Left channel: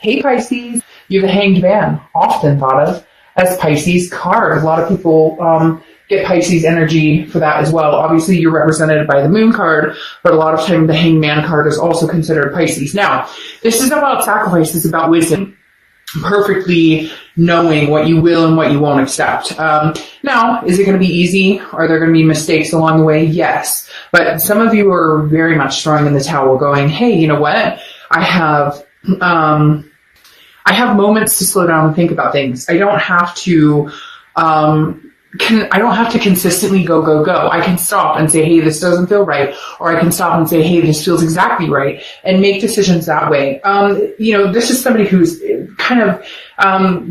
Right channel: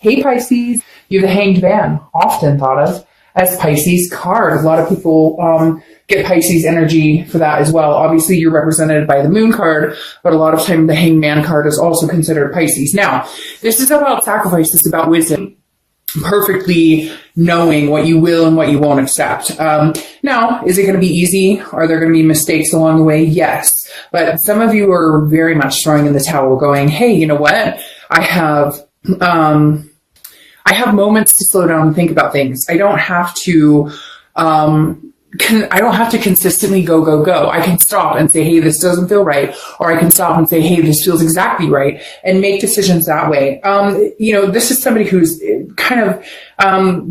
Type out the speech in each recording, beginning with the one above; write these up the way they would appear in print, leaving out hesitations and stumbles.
Hey Pisces, you the Hanged Man, often thought of as Pisces card. A lot of people get Pisces energy for that as well. Obviously, you're represented by the Moon card, but a lot of time the Hanged Man card is also considered Pisces. Now, this is about sacrifice. This is about wisdom. Perfectly knowing what you will and what you won't accept. Now, is it going to be easy? Are there going to be mistakes along the way? Yes. But some of you are very much throwing in the towel going, hey, you know what? I have moments to slow down and think about things. I don't have to consistently go. I can stop and say, hey, this doesn't feel right. Or I can stop and say, hey, this feels exactly right, and make decisions that way. This is somebody who's kind of,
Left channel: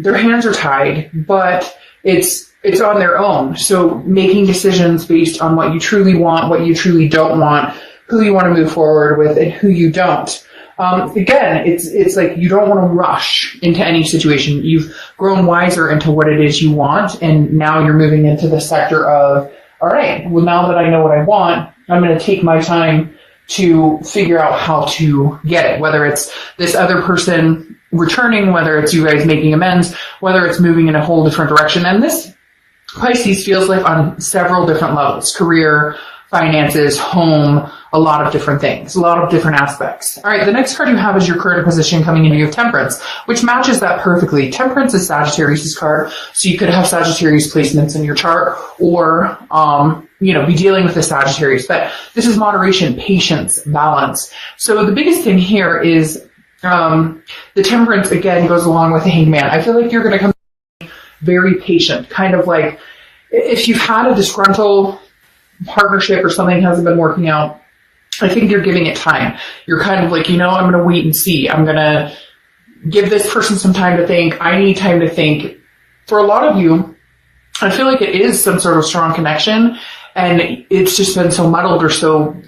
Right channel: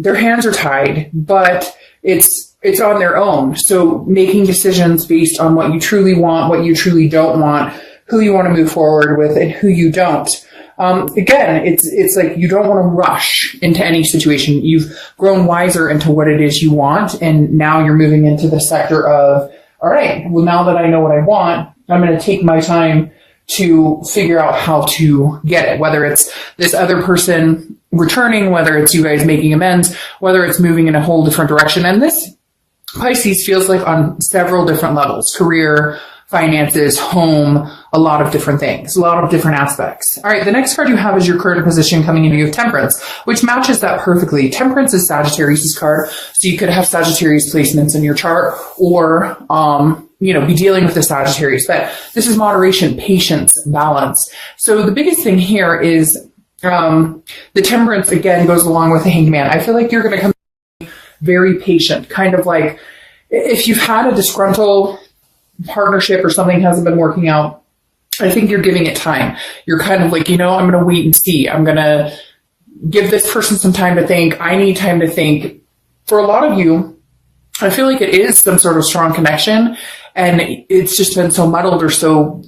their hands are tied, but it's on their own. So making decisions based on what you truly want, what you truly don't want, who you want to move forward with, and who you don't. Again, it's like you don't want to rush into any situation. You've grown wiser into what it is you want, and now you're moving into the sector of, all right, well, now that I know what I want, I'm going to take my time to figure out how to get it, whether it's this other person returning, whether it's you guys making amends, whether it's moving in a whole different direction. And this Pisces feels like on several different levels: career, finances, home, a lot of different things, a lot of different aspects. All right, the next card you have is your current position coming in. You have Temperance, which matches that perfectly. Temperance is Sagittarius' card, so you could have Sagittarius placements in your chart, or be dealing with the Sagittarius. But this is moderation, patience, balance. So the biggest thing here is the Temperance, again, goes along with the Hanged Man. I feel like you're going to come very patient, kind of like if you've had a disgruntled partnership or something hasn't been working out, I think you're giving it time. You're kind of like, I'm going to wait and see. I'm going to give this person some time to think. I need time to think. For a lot of you, I feel like it is some sort of strong connection, and it's just been so muddled or so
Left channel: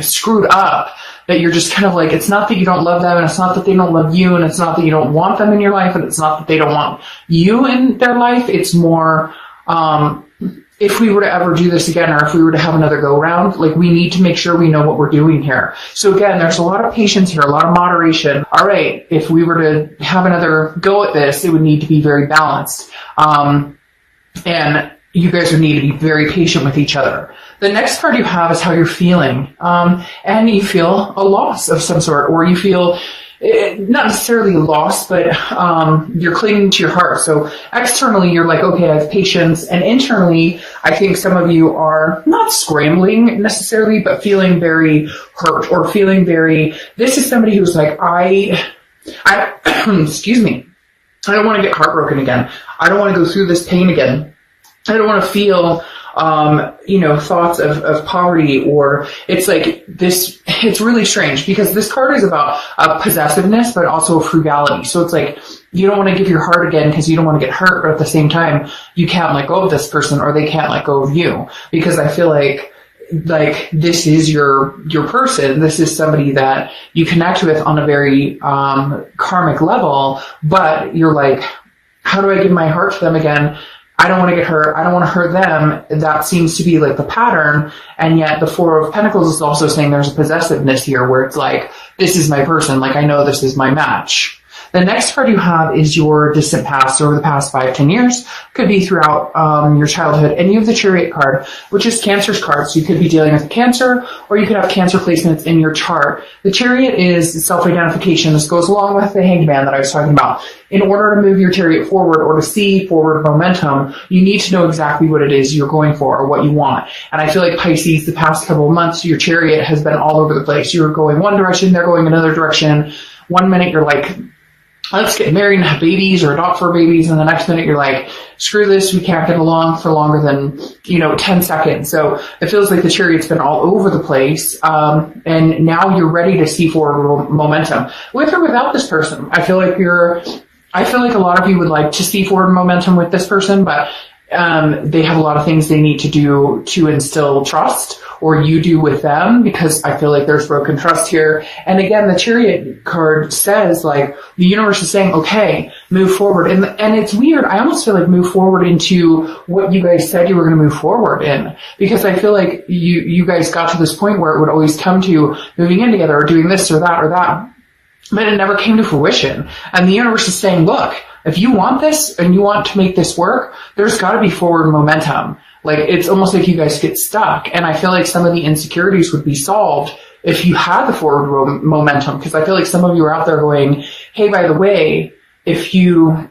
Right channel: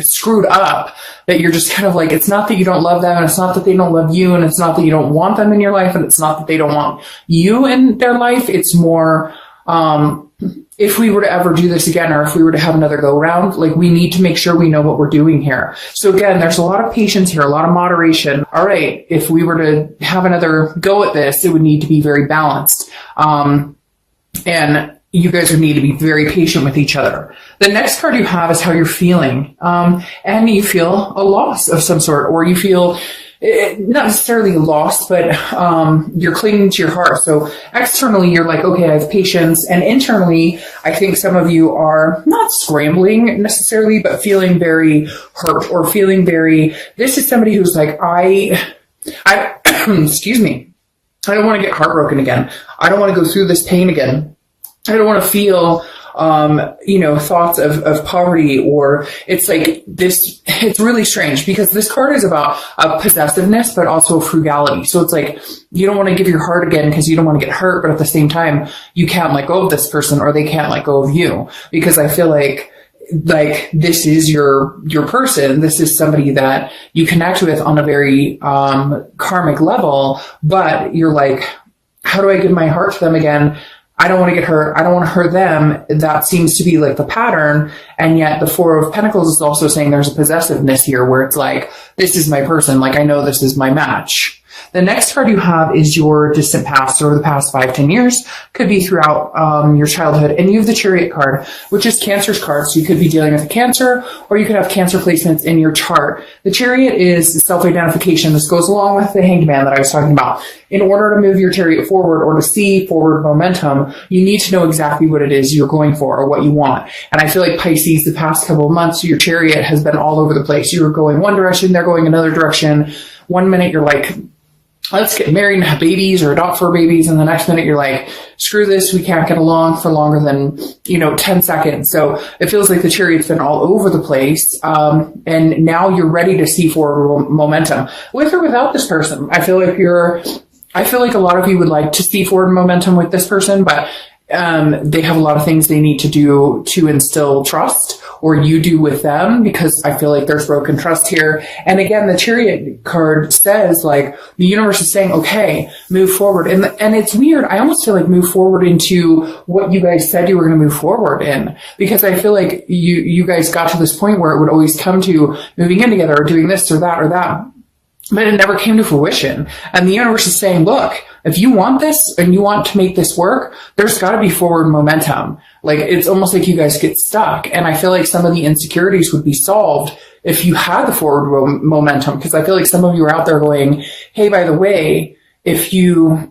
screwed up that you're just kind of like, it's not that you don't love them, and it's not that they don't love you, and it's not that you don't want them in your life, and it's not that they don't want you in their life. It's more, if we were to ever do this again, or if we were to have another go around, we need to make sure we know what we're doing here. So again, there's a lot of patience here, a lot of moderation. All right, if we were to have another go at this, it would need to be very balanced. And you guys would need to be very patient with each other. The next card you have is how you're feeling. And you feel a loss of some sort, or you feel not necessarily lost, but you're clinging to your heart. So externally, you're like, okay, I have patience. And internally, I think some of you are not scrambling necessarily, but feeling very hurt, or feeling very, this is somebody who's like, I excuse me, I don't want to get heartbroken again. I don't want to go through this pain again. I don't want to feel thoughts of poverty, or it's like this, it's really strange because this card is about possessiveness, but also frugality. So it's like, you don't want to give your heart again because you don't want to get hurt, but at the same time, you can't let go of this person, or they can't let go of you, because I feel like this is your person. This is somebody that you connect with on a very karmic level, but you're like, how do I give my heart to them again? I don't want to get hurt. I don't want to hurt them. That seems to be the pattern. And yet the Four of Pentacles is also saying there's a possessiveness here where it's like, this is my person. I know this is my match. The next card you have is your distant past, or the past 5-10 years. Could be throughout your childhood. And you have the Chariot card, which is Cancer's card. So you could be dealing with a Cancer, or you could have Cancer placements in your chart. The Chariot is self-identification. This goes along with the Hanged Man that I was talking about. In order to move your Chariot forward, or to see forward momentum, you need to know exactly what it is you're going for, or what you want. And I feel like Pisces, the past couple of months, your Chariot has been all over the place. You were going one direction, they're going another direction. One minute you're like, let's get married and have babies, or adopt 4 babies. And the next minute you're like, screw this, we can't get along for longer than, 10 seconds. So it feels like the Chariot's been all over the place. And now you're ready to see forward momentum with or without this person. I feel like a lot of you would like to see forward momentum with this person, but they have a lot of things they need to do to instill trust, or you do with them, because I feel like there's broken trust here. And again, the Chariot card says the universe is saying, okay, move forward. And it's weird. I almost feel like move forward into what you guys said you were going to move forward in, because I feel like you guys got to this point where it would always come to moving in together, or doing this or that or that. but it never came to fruition. And the universe is saying, look, if you want this and you want to make this work, there's got to be forward momentum. Like, it's almost like you guys get stuck. And I feel like some of the insecurities would be solved if you had the forward momentum. Because I feel like some of you are out there going, hey, by the way, if you,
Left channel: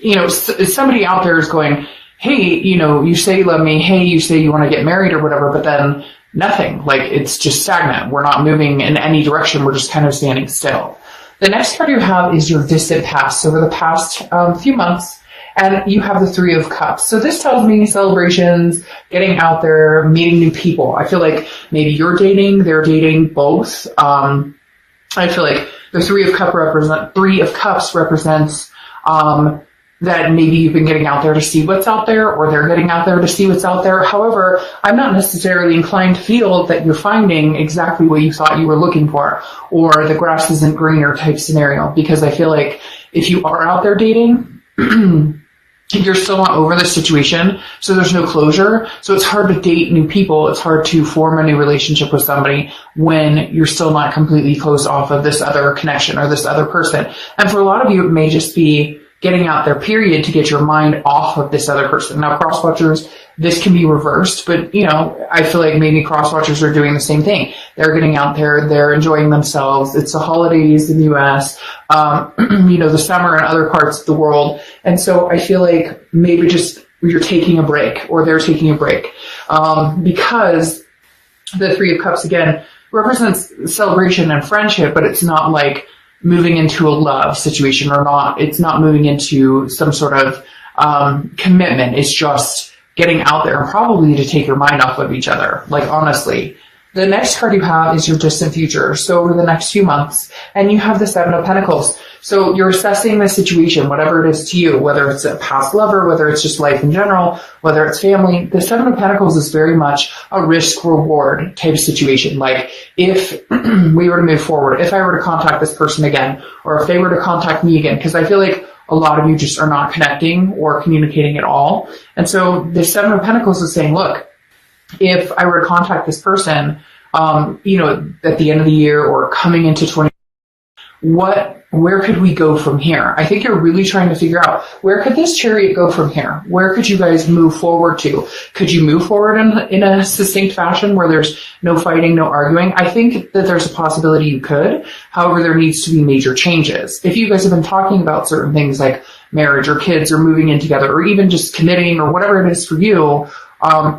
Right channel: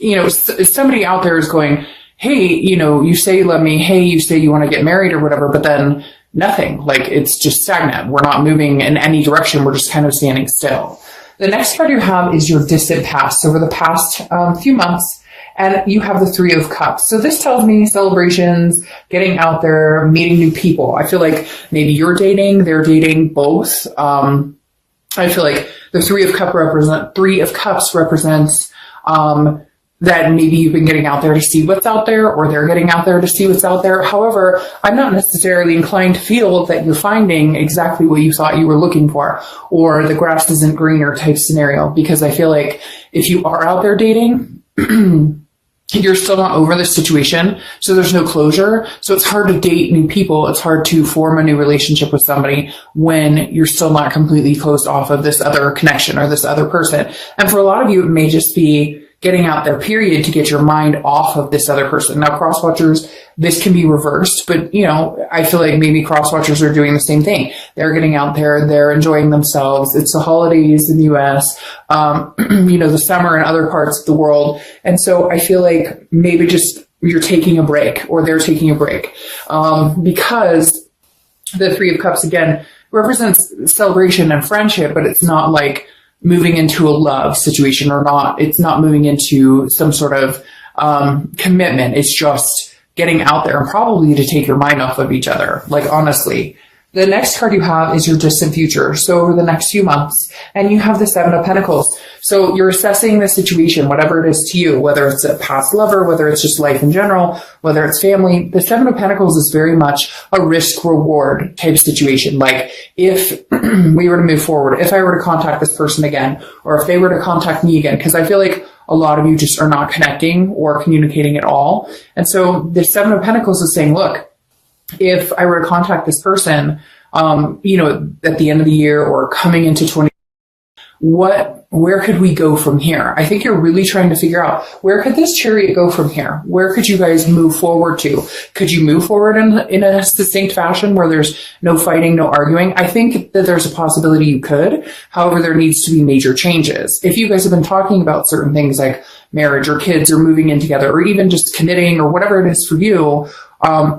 if somebody out there is going, hey, you say you love me, hey, you say you want to get married or whatever, but then nothing. Like, it's just stagnant. We're not moving in any direction. We're just kind of standing still. The next card you have is your distant past, over the past few months, and you have the Three of Cups. So this tells me celebrations, getting out there, meeting new people. I feel like maybe you're dating, they're dating, both. I feel like the Three of Cups represents that maybe you've been getting out there to see what's out there, or they're getting out there to see what's out there. However, I'm not necessarily inclined to feel that you're finding exactly what you thought you were looking for, or the grass isn't greener type scenario, because I feel like if you are out there dating, you're still not over the situation, so there's no closure. So it's hard to date new people. It's hard to form a new relationship with somebody when you're still not completely closed off of this other connection or this other person. And for a lot of you, it may just be getting out there, period, to get your mind off of this other person. Now, cross-watchers, this can be reversed, but, I feel like maybe cross-watchers are doing the same thing. They're getting out there, they're enjoying themselves. It's the holidays in the U.S., the summer in other parts of the world. And so I feel like maybe just you're taking a break, or they're taking a break, because the Three of Cups, again, represents celebration and friendship, but it's not like moving into a love situation, or not. It's not moving into some sort of commitment. It's just getting out there, and probably to take your mind off of each other. Like, honestly. The next card you have is your distant future. So over the next few months, and you have the Seven of Pentacles. So you're assessing the situation, whatever it is to you, whether it's a past lover, whether it's just life in general, whether it's family. The Seven of Pentacles is very much a risk-reward type of situation. Like, if we were to move forward, if I were to contact this person again, or if they were to contact me again, because I feel like a lot of you just are not connecting or communicating at all. And so the Seven of Pentacles is saying, look, if I were to contact this person, at the end of the year or coming into 20, where could we go from here? I think you're really trying to figure out, where could this chariot go from here? Where could you guys move forward to? Could you move forward in a succinct fashion where there's no fighting, no arguing? I think that there's a possibility you could. However, there needs to be major changes. If you guys have been talking about certain things like marriage or kids or moving in together, or even just committing or whatever it is for you,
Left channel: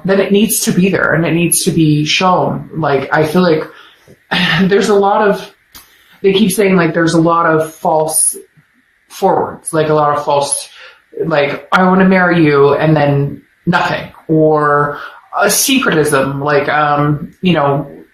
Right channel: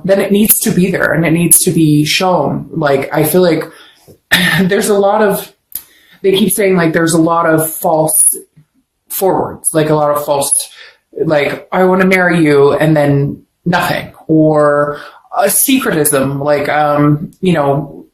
then it needs to be there and it needs to be shown. Like, I feel like there's a lot of, they keep saying like there's a lot of false forwards, like a lot of false, like, I want to marry you and then nothing, or a secretism, like,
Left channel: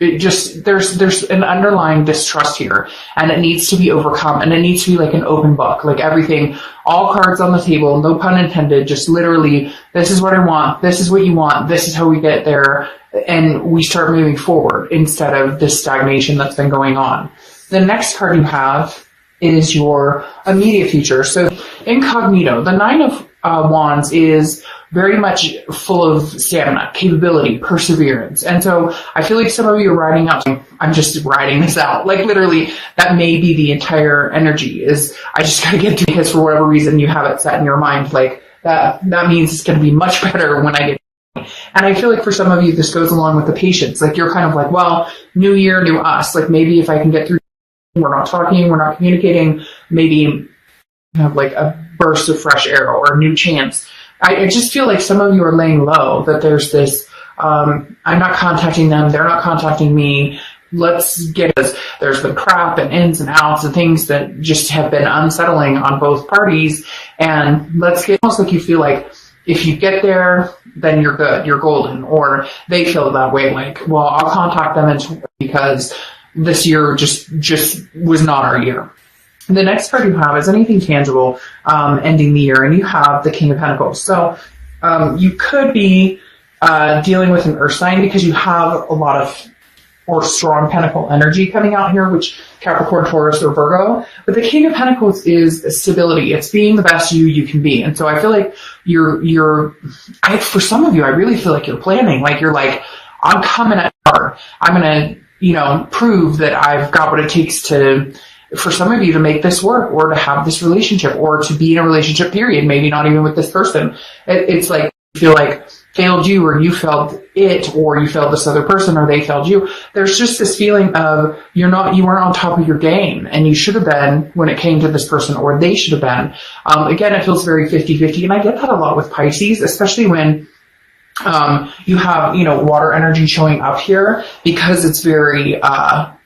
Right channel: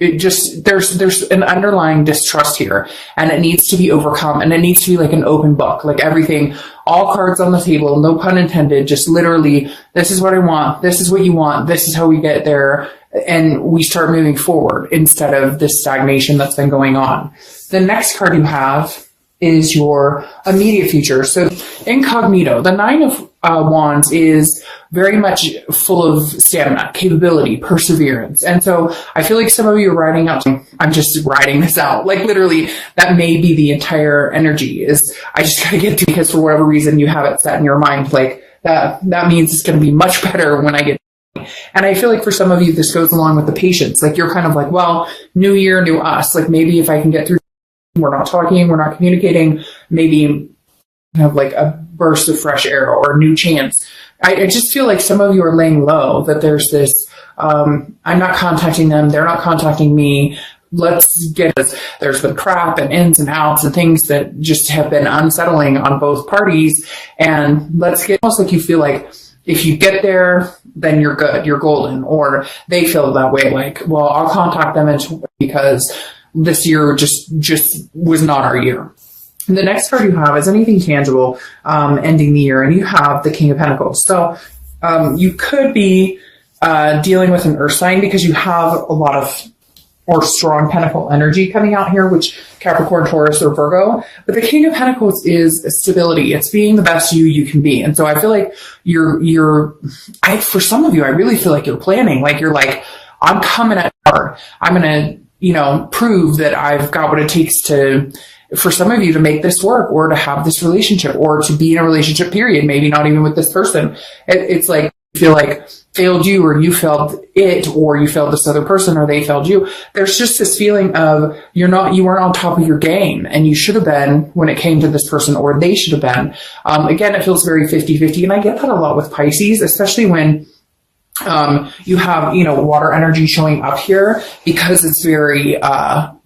it just, there's an underlying distrust here, and it needs to be overcome, and it needs to be like an open book, like everything, all cards on the table, no pun intended, just literally, this is what I want, this is what you want, this is how we get there, and we start moving forward instead of this stagnation that's been going on. The next card you have is your immediate future. So incognito, the Nine of Wands is very much full of stamina, capability, perseverance. And so I feel like some of you are riding up. I'm just riding this out. Like, literally, that may be the entire energy, is I just gotta get through this for whatever reason you have it set in your mind. Like, that means it's gonna be much better when I get. And I feel like for some of you, this goes along with the patience. Like, you're kind of like, well, new year, new us. Like, maybe if I can get through, we're not talking, we're not communicating, maybe have like a burst of fresh air or a new chance. I just feel like some of you are laying low, that there's this, I'm not contacting them, they're not contacting me. Let's get this. There's been crap and ins and outs and things that just have been unsettling on both parties. And let's get, almost like you feel like if you get there, then you're good, you're golden, or they feel that way. Like, well, I'll contact them because this year just was not our year. And the next card you have is anything tangible, ending the year, and you have the King of Pentacles. So you could be dealing with an earth sign because you have a lot of or strong pentacle energy coming out here, which Capricorn, Taurus, or Virgo. But the King of Pentacles is stability. It's being the best you can be. And so I feel like for some of you, I really feel like you're planning. Like, you're like, I'm coming at hard. I'm going to prove that I've got what it takes for some of you to make this work, or to have this relationship, or to be in a relationship, period. Maybe not even with this person. It's like, you feel like failed you, or you failed it, or you failed this other person, or they failed you. There's just this feeling of you weren't on top of your game, and you should have been when it came to this person, or they should have been. Again, it feels very 50-50, and I get that a lot with Pisces, especially when you have, water energy showing up here, because it's very,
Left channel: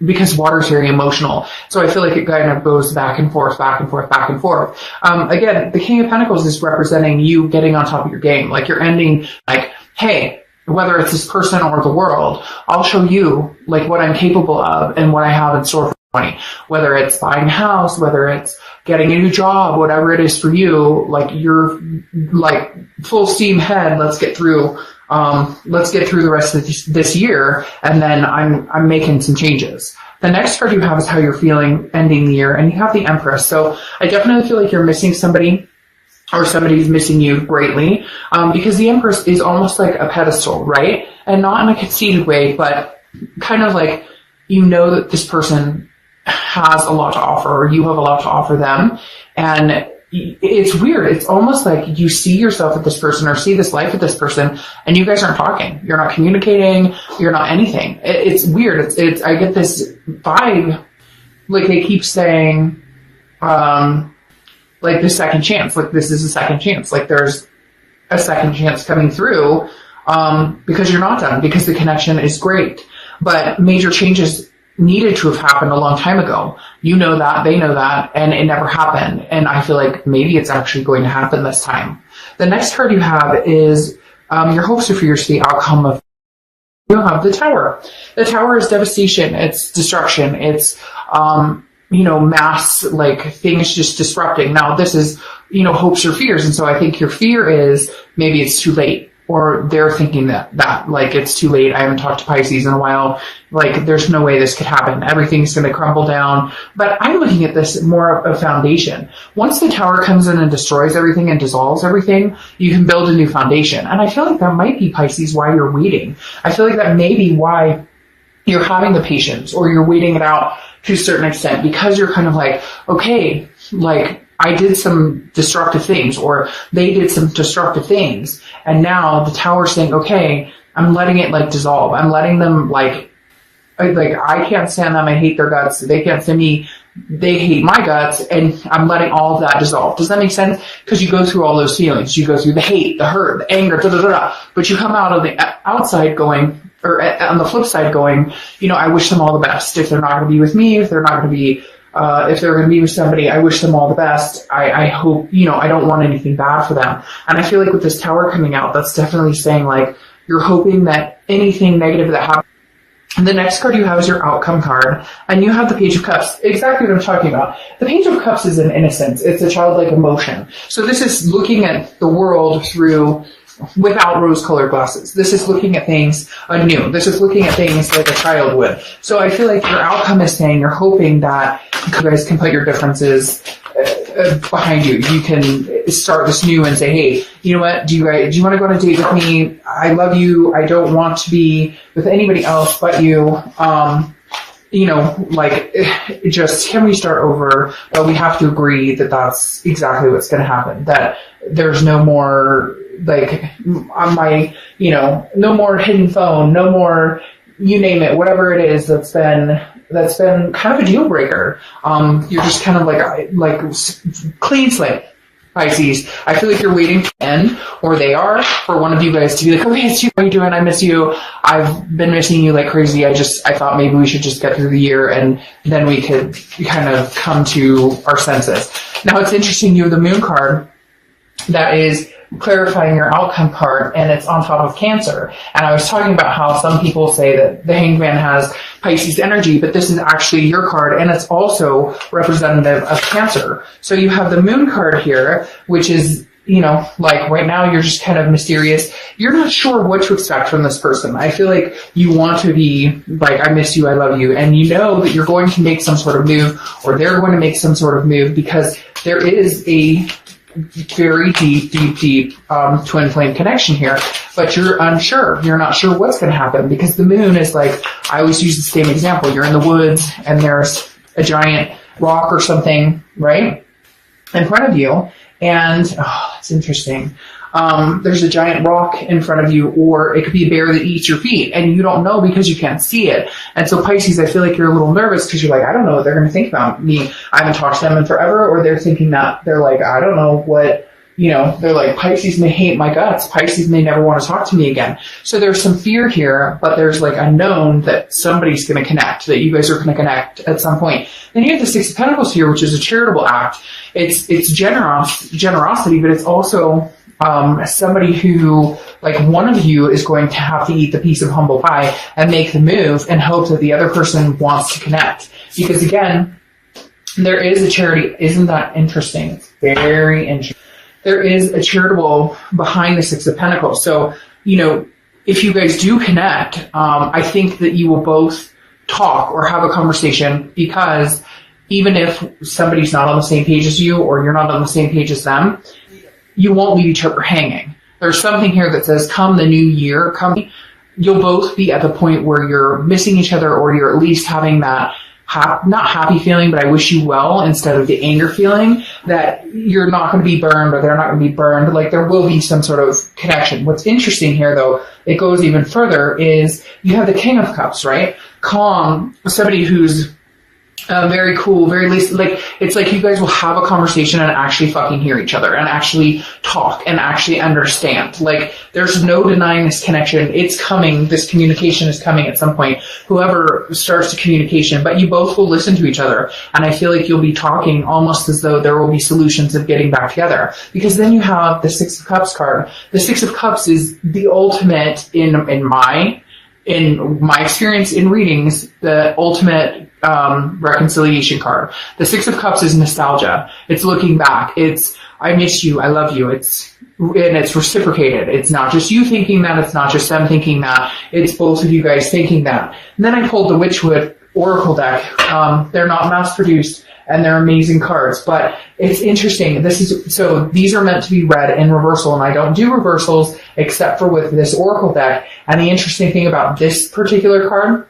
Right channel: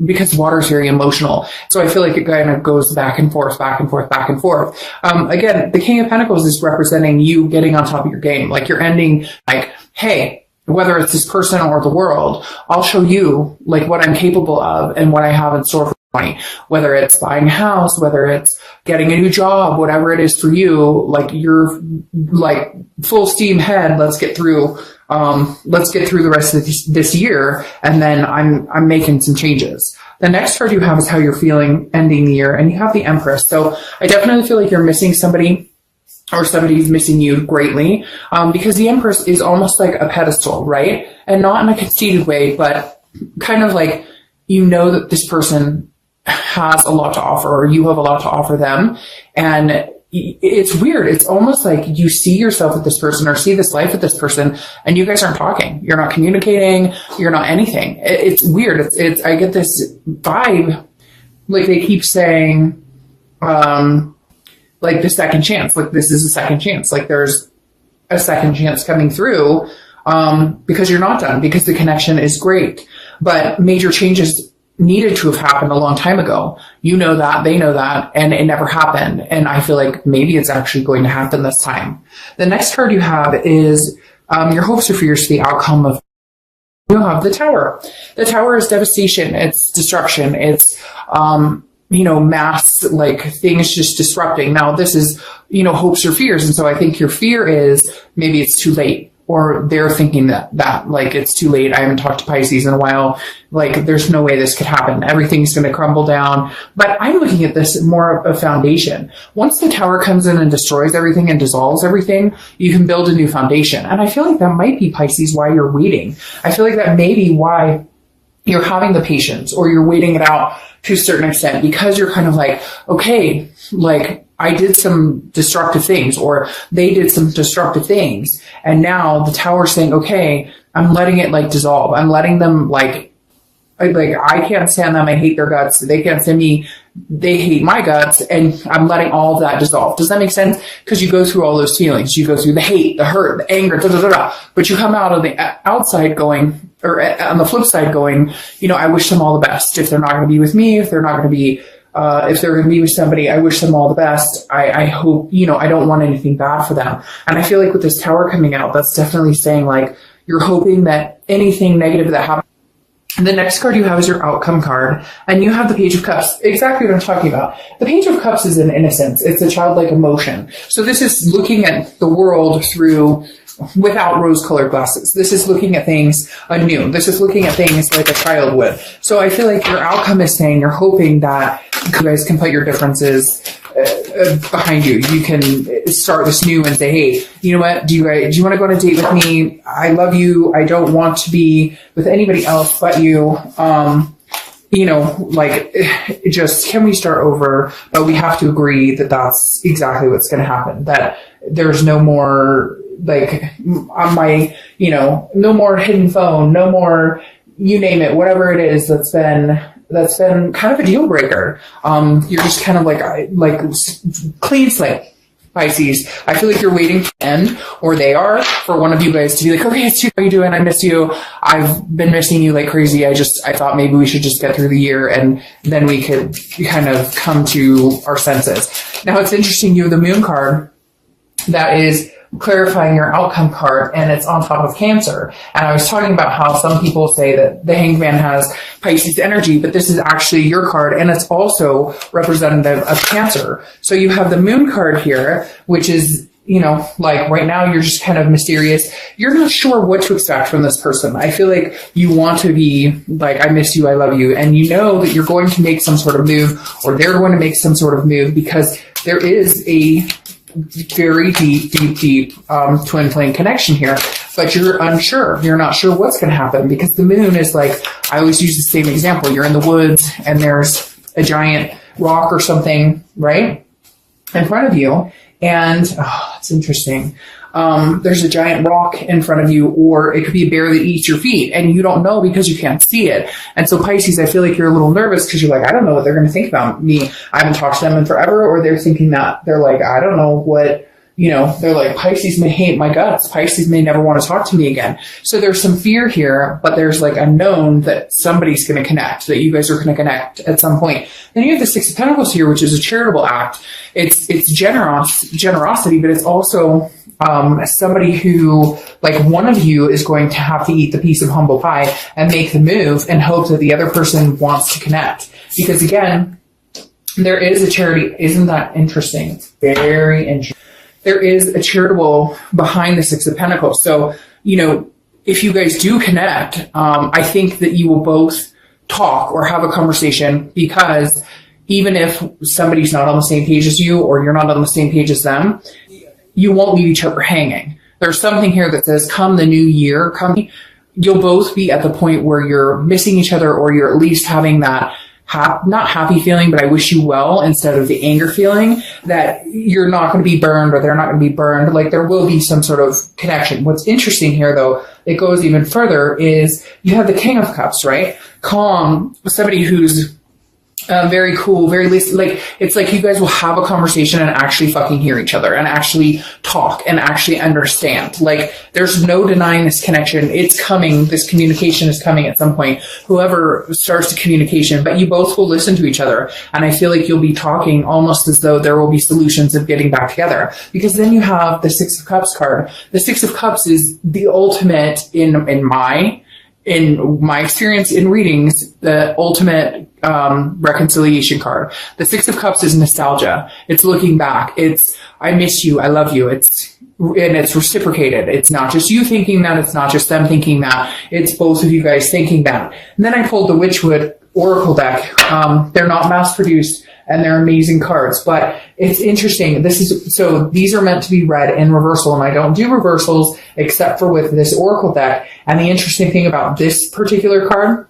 because water is very emotional. So I feel like it kind of goes back and forth, back and forth, back and forth. Again, the King of Pentacles is representing you getting on top of your game. Like, you're ending, like, hey, whether it's this person or the world, I'll show you like what I'm capable of and what I have in store for money. Whether it's buying a house, whether it's getting a new job, whatever it is for you, like, you're like full steam ahead. Let's get through the rest of this year, and then I'm making some changes. The next card you have is how you're feeling ending the year, and you have the Empress. So I definitely feel like you're missing somebody, or somebody's missing you greatly, because the Empress is almost like a pedestal, right? And not in a conceited way, but kind of like, that this person has a lot to offer, or you have a lot to offer them. And it's weird. It's almost like you see yourself with this person, or see this life with this person, and you guys aren't talking. You're not communicating. You're not anything. It's weird. I get this vibe, like they keep saying, like the second chance, like this is a second chance. Like there's a second chance coming through, because you're not done, because the connection is great, but major changes needed to have happened a long time ago. You know that, they know that, and it never happened. And I feel like maybe it's actually going to happen this time. The next card you have is your hopes or fears for the outcome of. You'll have the Tower. The Tower is devastation. It's destruction. It's mass, like, things just disrupting. Now this is hopes or fears, and so I think your fear is maybe it's too late. Or they're thinking that like it's too late. I haven't talked to Pisces in a while. Like, there's no way this could happen. Everything's going to crumble down. But I'm looking at this more of a foundation. Once the Tower comes in and destroys everything and dissolves everything, you can build a new foundation. And I feel like that might be, Pisces, why you're waiting. I feel like that may be why you're having the patience, or you're waiting it out to a certain extent, because you're kind of like, okay, like, I did some destructive things, or they did some destructive things, and now the Tower's saying, okay, I'm letting it like dissolve. I'm letting them I can't stand them. I hate their guts. They can't stand me. They hate my guts, and I'm letting all of that dissolve. Does that make sense? Because you go through all those feelings. You go through the hate, the hurt, the anger, but you come out of the outside going, or on the flip side going, I wish them all the best. If they're not going to be with me, if they're not going to be, if they're going to be with somebody, I wish them all the best. I hope, I don't want anything bad for them. And I feel like with this Tower coming out, that's definitely saying, like, you're hoping that anything negative that happens. And the next card you have is your outcome card, and you have the Page of Cups. Exactly what I'm talking about. The Page of Cups is an innocence. It's a childlike emotion. So this is looking at the world without rose-colored glasses. This is looking at things anew. This is looking at things like a child would. So I feel like your outcome is saying you're hoping that you guys can put your differences behind you. You can start this new and say, hey, you know what? Do you want to go on a date with me? I love you. I don't want to be with anybody else but you. Just, can we start over? But we have to agree that that's exactly what's going to happen. That there's no more, like, on my, no more hidden phone, no more, you name it, whatever it is that's been kind of a deal breaker. You're just kind of like clean slate, Pisces. I feel like you're waiting to end, or they are, for one of you guys to be like, okay, Stu, how are you doing? I miss you. I've been missing you like crazy. I thought maybe we should just get through the year, and then we could kind of come to our senses. Now, it's interesting, you have the Moon card that is clarifying your outcome card, and it's on top of Cancer. And I was talking about how some people say that the Hangman has Pisces energy, but this is actually your card, and it's also representative of Cancer. So you have the Moon card here, which is, like, right now you're just kind of mysterious. You're not sure what to expect from this person. I feel like you want to be like, I miss you, I love you, and you know that you're going to make some sort of move, or they're going to make some sort of move, because there is a very deep twin flame connection here, but you're unsure. You're not sure what's going to happen because the moon is like, I always use the same example. You're in the woods and there's a giant rock or something, right, in front of you. And, it's interesting. There's a giant rock in front of you, or it could be a bear that eats your feet, and you don't know because you can't see it. And so Pisces, I feel like you're a little nervous because you're like, I don't know what they're going to think about me. I haven't talked to them in forever, or they're thinking that they're like, I don't know what, they're like, Pisces may hate my guts. Pisces may never want to talk to me again. So there's some fear here, but there's like a known that somebody's going to connect, that you guys are going to connect at some point. Then you have the Six of Pentacles here, which is a charitable act. It's generosity, but it's also somebody who, like, one of you is going to have to eat the piece of humble pie and make the move and hope that the other person wants to connect. Because again, there is a charity. Isn't that interesting? Very interesting. There is a charitable behind the Six of Pentacles. So, if you guys do connect, I think that you will both talk or have a conversation, because even if somebody's not on the same page as you, or you're not on the same page as them, you won't leave each other hanging. There's something here that says, come the new year, you'll both be at the point where you're missing each other, or you're at least having that not happy feeling, but I wish you well, instead of the anger feeling that you're not going to be burned or they're not going to be burned. Like, there will be some sort of connection. What's interesting here, though, it goes even further, is you have the King of Cups, right? Calm, somebody who's very cool, very least, like, it's like you guys will have a conversation and actually fucking hear each other and actually talk and actually understand. Like, there's no denying this connection. It's coming. This communication is coming at some point. Whoever starts the communication, but you both will listen to each other. And I feel like you'll be talking almost as though there will be solutions of getting back together. Because then you have the Six of Cups card. The Six of Cups is the ultimate in my experience in readings, the ultimate reconciliation card. The Six of Cups is nostalgia. It's looking back. It's, I miss you. I love you. It's reciprocated. It's not just you thinking that. It's not just them thinking that. It's both of you guys thinking that. And then I pulled the Witchwood Oracle deck. They're not mass produced and they're amazing cards, but it's interesting. So these are meant to be read in reversal, and I don't do reversals except for with this Oracle deck. And the interesting thing about this particular card,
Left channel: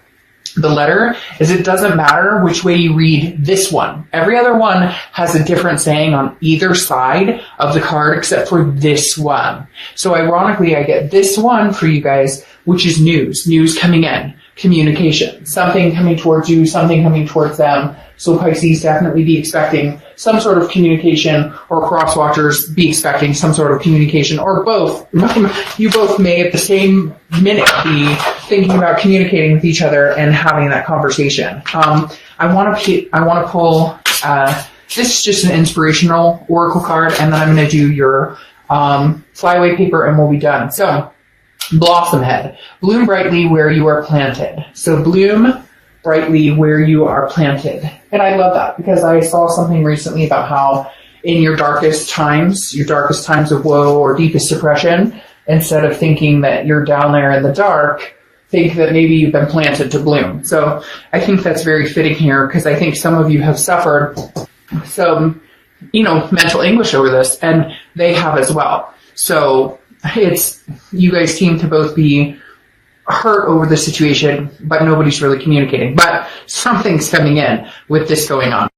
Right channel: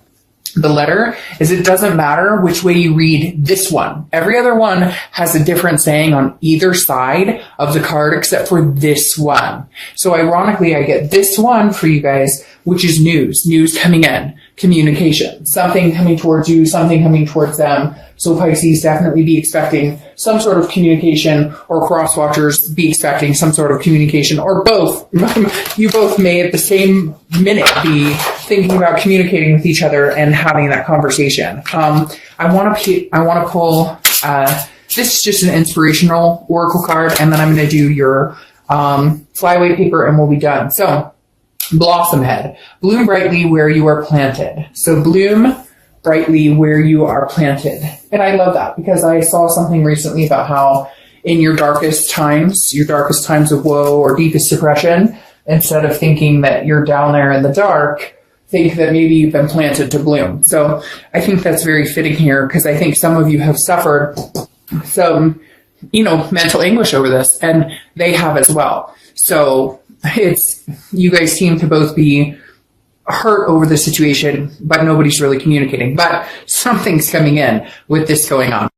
the letter, is it doesn't matter which way you read this one. Every other one has a different saying on either side of the card except for this one. So ironically, I get this one for you guys, which is news coming in, communication, something coming towards you, something coming towards them. So Pisces, definitely be expecting some sort of communication, or cross watchers be expecting some sort of communication, or both. You both may at the same minute be thinking about communicating with each other and having that conversation. I want to pull, this is just an inspirational oracle card, and then I'm going to do your flyaway paper and we'll be done. So, Blossom Head, bloom brightly where you are planted. So bloom brightly where you are planted. And I love that, because I saw something recently about how in your darkest times of woe or deepest depression, instead of thinking that you're down there in the dark, think that maybe you've been planted to bloom. So I think that's very fitting here, because I think some of you have suffered some, mental anguish over this, and they have as well. So you guys seem to both be hurt over the situation, but nobody's really communicating. But something's coming in with this going on.